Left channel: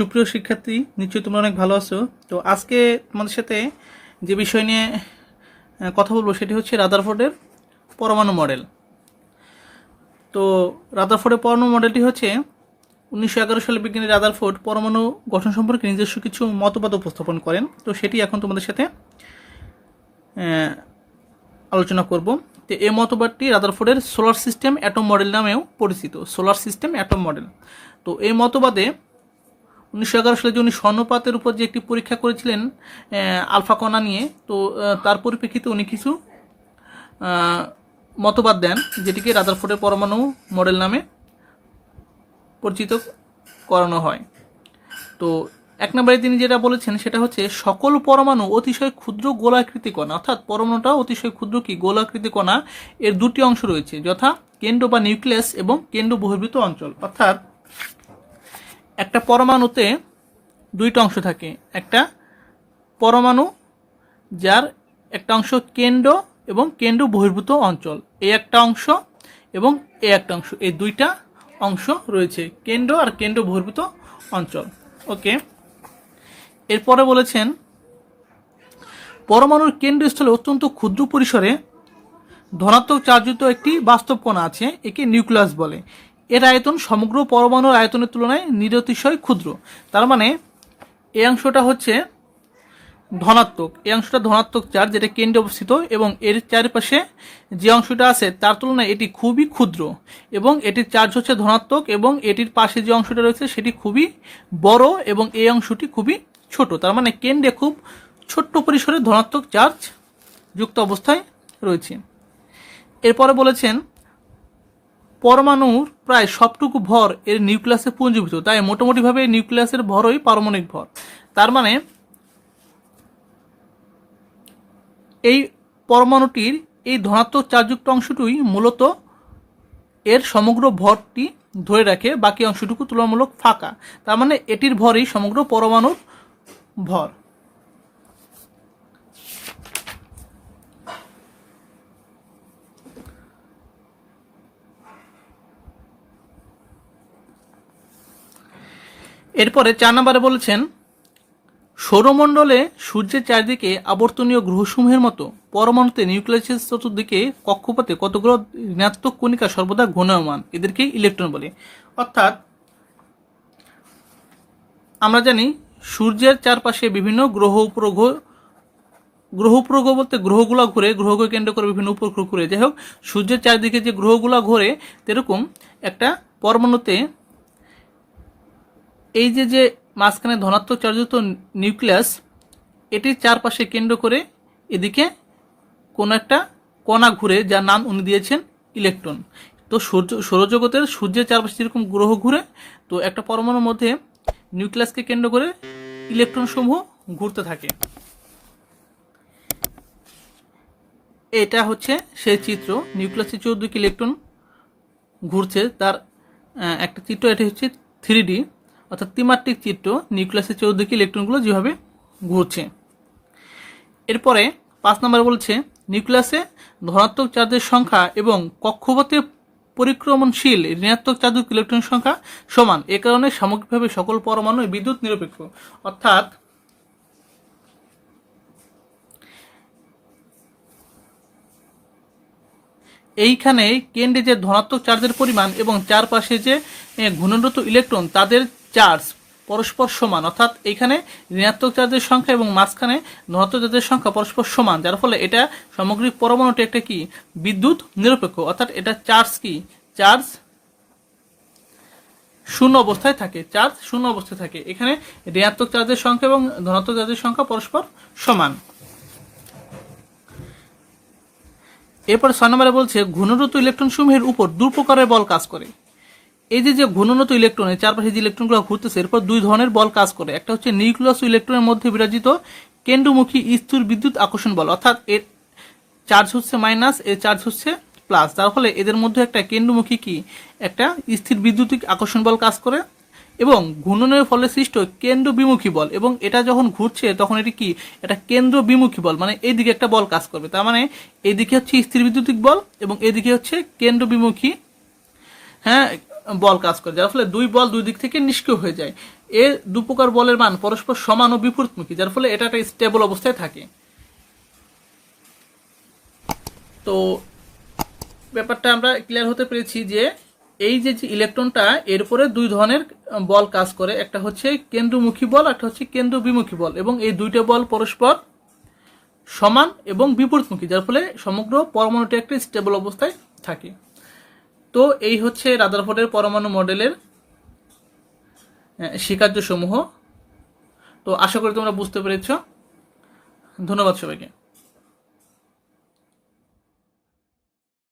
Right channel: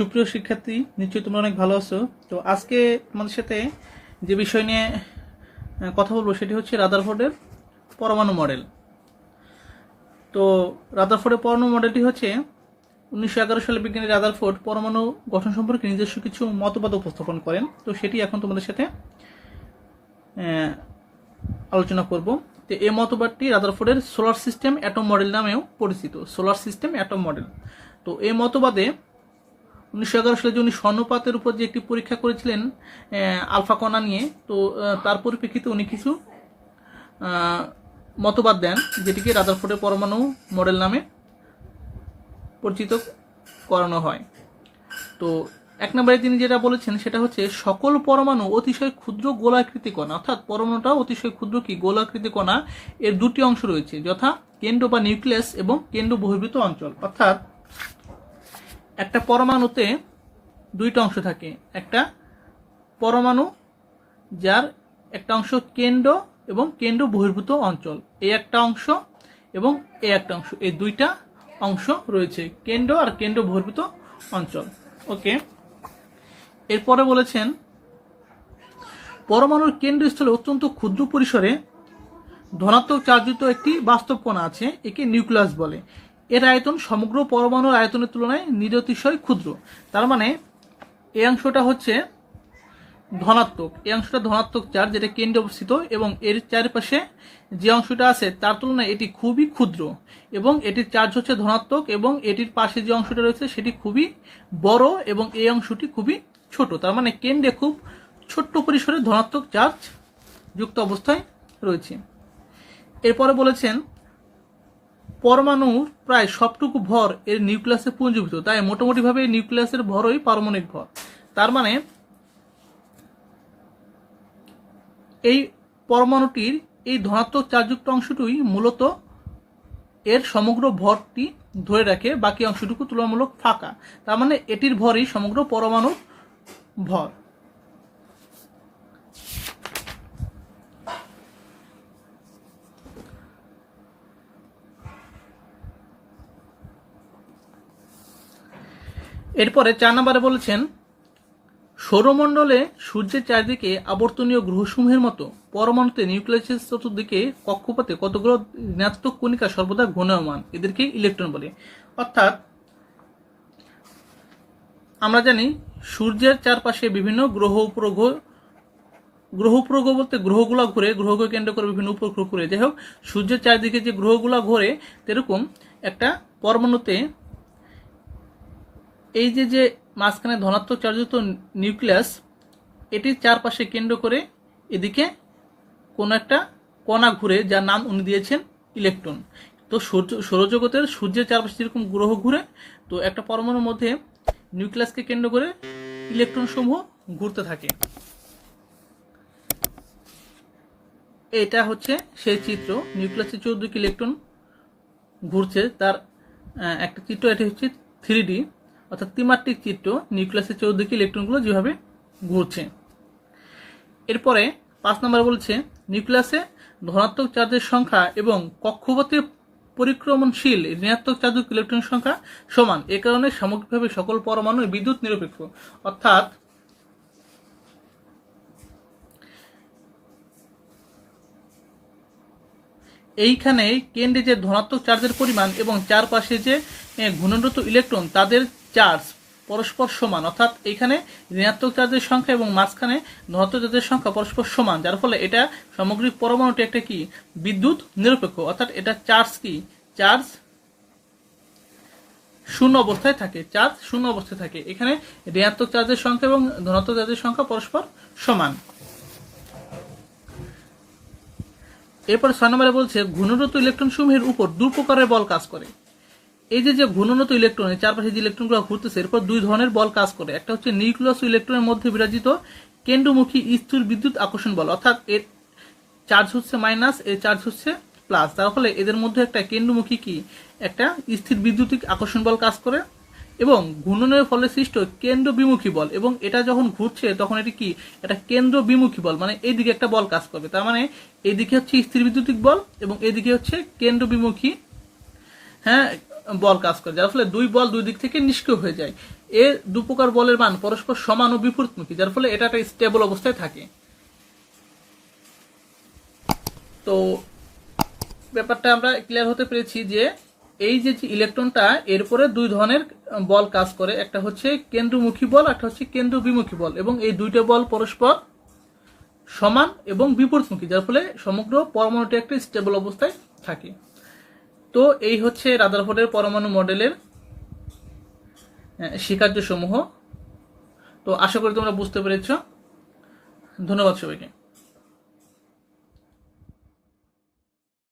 সুপ্রিয় শিক্ষার্থী, নিশ্চয়ই তোমরা অনেক ভালো আছো। তো আজকে তোমাদের সাথে যে বিষয় নিয়ে কথা বলবো সেটি হচ্ছে রাদারফোর্ডের পরমাণু মডেল। তো রাদারফোর্ডের পরমাণু মডেলটি হচ্ছে 1911 সালে বিজ্ঞানী রাদারফোর্ড পরমাণু গঠন সম্পর্কে নিজস্ব কিছু মতবাদ উপস্থাপন করেন। তো সেটি এখন তোমাদের সাথে আলোচনা করব। তো এই মতবাদটি রাদারফোর্ডের সোলার সিস্টেম অ্যাটম মডেল নামেও পরিচিত। Solar system atom model. তো এই মতবাদে 1911 সালে যে উনি স্বর্ণপাতের উপর যে একটি পরীক্ষা করেছিলেন আলফা কণা নিয়ে, তো তার পরিপ্রেক্ষিতে উনি কিছু মতবাদ দেন, যেটিকে রাদারফোর্ডের পরমাণু মডেল নামে পরিচিত করানো হয়। তো এক নম্বরে তিনি যেটা বলেছেন সেটা হচ্ছে সকল পরমাণু অতিশয় ক্ষুদ্র গোলাকৃতি কণা, অর্থাৎ পরমাণুটাও অতিশয় ক্ষুদ্র গোলাকৃতি কণা। এর দুটি অংশ রয়েছে, যথা কেন্দ্র বা নিউক্লিয়াস এবং কেন্দ্র বহির্ভূত অঞ্চল। অর্থাৎ একটা পরমাণুতে দুইটা অংশ থাকে, একটা পরমাণু যার একটা অংশ কেন্দ্র এবং কেন্দ্র বহির্ভূত অঞ্চল, এই একটা অংশ এবং এই একটা অংশ, এই দুইটা অংশ রয়েছে, কেন্দ্র আর কেন্দ্র বহির্ভূত অঞ্চল। ওকে, এরপরে বলেছেন পরমাণুর কেন্দ্রস্থলে অত্যন্ত ক্ষুদ্র পরিসরে ধনাত্মক চার্জযুক্ত একটি বাস্তব কণা আছে, একে নিউক্লিয়াস বলে। এর আয়তন সমগ্র পরমাণুর আয়তনের তুলনায় নিরতিশয় ক্ষুদ্র। তার মানে এই অংশটা হচ্ছে ধনাত্মক, এই অংশটা ধনাত্মক চার্জ, যেটা কেন্দ্রে অবস্থিত, এবং এর চারপাশে যে অংশটা আছে তার তুলনায় এটি খুবই ক্ষুদ্র, এবং এটির চার্জ হচ্ছে ধনাত্মক, এবং এটির পাশে যে অংশটা রয়েছে সেটি খুবই বড়, এবং এই অংশটি খুবই ছোট। তার মানে কেন্দ্রে খুব ছোট্ট পরিসরে ধনাত্মক চার্জ যুক্ত অবস্থায় রয়েছে। এরপরে বলেছেন পরমাণুর প্রায় সবটুকু ভর এর নিউক্লিয়াসে পুঞ্জীভূত, তাই মোটামুটিভাবে নিউক্লিয়াসের ভরই পারমাণবিক ভর। তার মানে এই পরমাণুটির এই ধনাত্মক চার্জযুক্ত অংশটুই মূলত এর সমগ্র ভরটি ধরে রাখে, বাকি অংশটুকু তুলনামূলক ফাঁকা। তার মানে এটির ভরই সমগ্র পরমাণুর ভর। এরপরে 4 নম্বরে বলেছেন সৌরমণ্ডলে সূর্যের চারিদিকে আবর্তনীয় গ্রহসমূহের মতো পরমাণুতে নিউক্লিয়াসের চতুর্দিকে কক্ষপথে কতগুলো ঋণাত্মক কণিকা সর্বদা ঘূর্ণায়মান, এদেরকে ইলেকট্রন বলে। অর্থাৎ আমরা জানি সূর্যের চারপাশে বিভিন্ন গ্রহ উপগ্রহ বলতে গ্রহগুলো ঘুরে, গ্রহকে কেন্দ্র করে বিভিন্ন উপগ্রহ ঘুরে। যাই হোক, সূর্যের চারিদিকে যে গ্রহগুলো ঘুরে, এরকম একটা পরমাণুতে এই যে মাঝখানে ধনাত্মক চার্জযুক্ত নিউক্লিয়াস, এটির চারপাশে কেন্দ্র করে এদিকে কোনো একটা কণা ঘুরে, যার নাম উনি দিয়েছেন ইলেকট্রন। তো সৌরজগতের সূর্যের চারপাশে যেরকম গ্রহ ঘুরে, তো একটা পরমাণুর মধ্যে নিউক্লিয়াসকে কেন্দ্র করে ইলেকট্রন সমূহ ঘুরতে থাকে। এটা হচ্ছে সেই চিত্র, নিউক্লিয়াসের 14 ইলেকট্রন ঘুরছে, তার একটা চিত্র। এটি হচ্ছে 3D অর্থাৎ ত্রিমাত্রিক চিত্র, নিউক্লিয়াসের 14 ইলেকট্রনগুলো যেভাবে ঘুরছে। এরপরে 5 নম্বর বলছে নিউক্লিয়াসে ধনাত্মক চার্জের সংখ্যা এবং কক্ষপথে পরিক্রমণশীল ঋণাত্মক চার্জযুক্ত ইলেকট্রনের সংখ্যা সমান। এ কারণে সামগ্রিকভাবে সকল পরমাণু বিদ্যুৎ নিরপেক্ষ। অর্থাৎ এইখানে কেন্দ্রে যে ধনাত্মক চার্জের পরিমাণ এবং চারপাশে যে ঘূর্ণনরত ইলেকট্রন, তাদের চার্জ পরস্পর সমান। অর্থাৎ এখানে ঋণাত্মক চার্জের সংখ্যা এবং মাঝখানে ধনাত্মক চার্জের সংখ্যা পরস্পর সমান, যার ফলে এটা সামগ্রিক পরমাণুটি একটা কি বিদ্যুৎ নিরপেক্ষ। অর্থাৎ এটা চার্জ কি চার্জ শূন্য অবস্থায় থাকে, চার্জ শূন্য অবস্থায় থাকে। এখানে ঋণাত্মক চার্জের সংখ্যা এবং ধনাত্মক চার্জের সংখ্যা পরস্পর সমান। এরপরে 6 নম্বরে বলছে ঘূর্ণনরত ইলেকট্রন সমূহের উপর দুই প্রকারের বল কাজ করে। এই যে ঘূর্ণনরত ইলেকট্রনের চারপাশে যে ইলেকট্রনগুলো ঘুরতেছে, এরপর দুই ধরনের বল কাজ করে। একটা হচ্ছে নিউক্লিয়াস ও ইলেকট্রনের মধ্যে বিরাজিত কেন্দ্রমুখী স্থির বিদ্যুৎ আকর্ষণ বল, অর্থাৎ এর চার্জ হচ্ছে মাইনাস, এর চার্জ হচ্ছে প্লাস, যার ফলে এদের মধ্যে একটা কেন্দ্রমুখী একটা স্থির বিদ্যুতিক আকর্ষণ বল কাজ করে। এবং ঘূর্ণনের ফলে সৃষ্ট কেন্দ্র বিমুখী বল, এবং এটা যখন ঘুরছে তখন এটি এটা কেন্দ্র বিমুখী বল, মানে এইদিকে একটা বল কাজ করবে। তার মানে এইদিকে হচ্ছে স্থির বিদ্যুতিক বল এবং এইদিকে হচ্ছে কেন্দ্র বিমুখী বল কাজ করে, যার ফলে দুই বল দুই দিক থেকে নিষ্ক্রিয় হয়ে যায়। এর দুপ্রকার বলের মান পরস্পর সমান ও বিপরীতমুখী, যার ফলে এটা একটা স্টেবল অবস্থায় থাকে। তো ব্যাপারটা আমরা ক্লিয়ার হতে পেরেছি যে এই যে ইলেকট্রনটা এরপরে দুই ধরনের বল কাজ করে, একটা হচ্ছে কেন্দ্রমুখী বল, একটা হচ্ছে কেন্দ্র বিমুখী বল, এবং এই দুইটা বল পরস্পর সমান এবং বিপরীতমুখী, যার ফলে সমগ্র পরমাণুটি একটা স্টেবল অবস্থায় থাকে। তো এই হচ্ছে রাদারফোর্ডের পরমাণু মডেলের স্বীকার্য সমূহ। তো আশা করি তোমরা বুঝতে পেরেছ। ধন্যবাদ সবাইকে।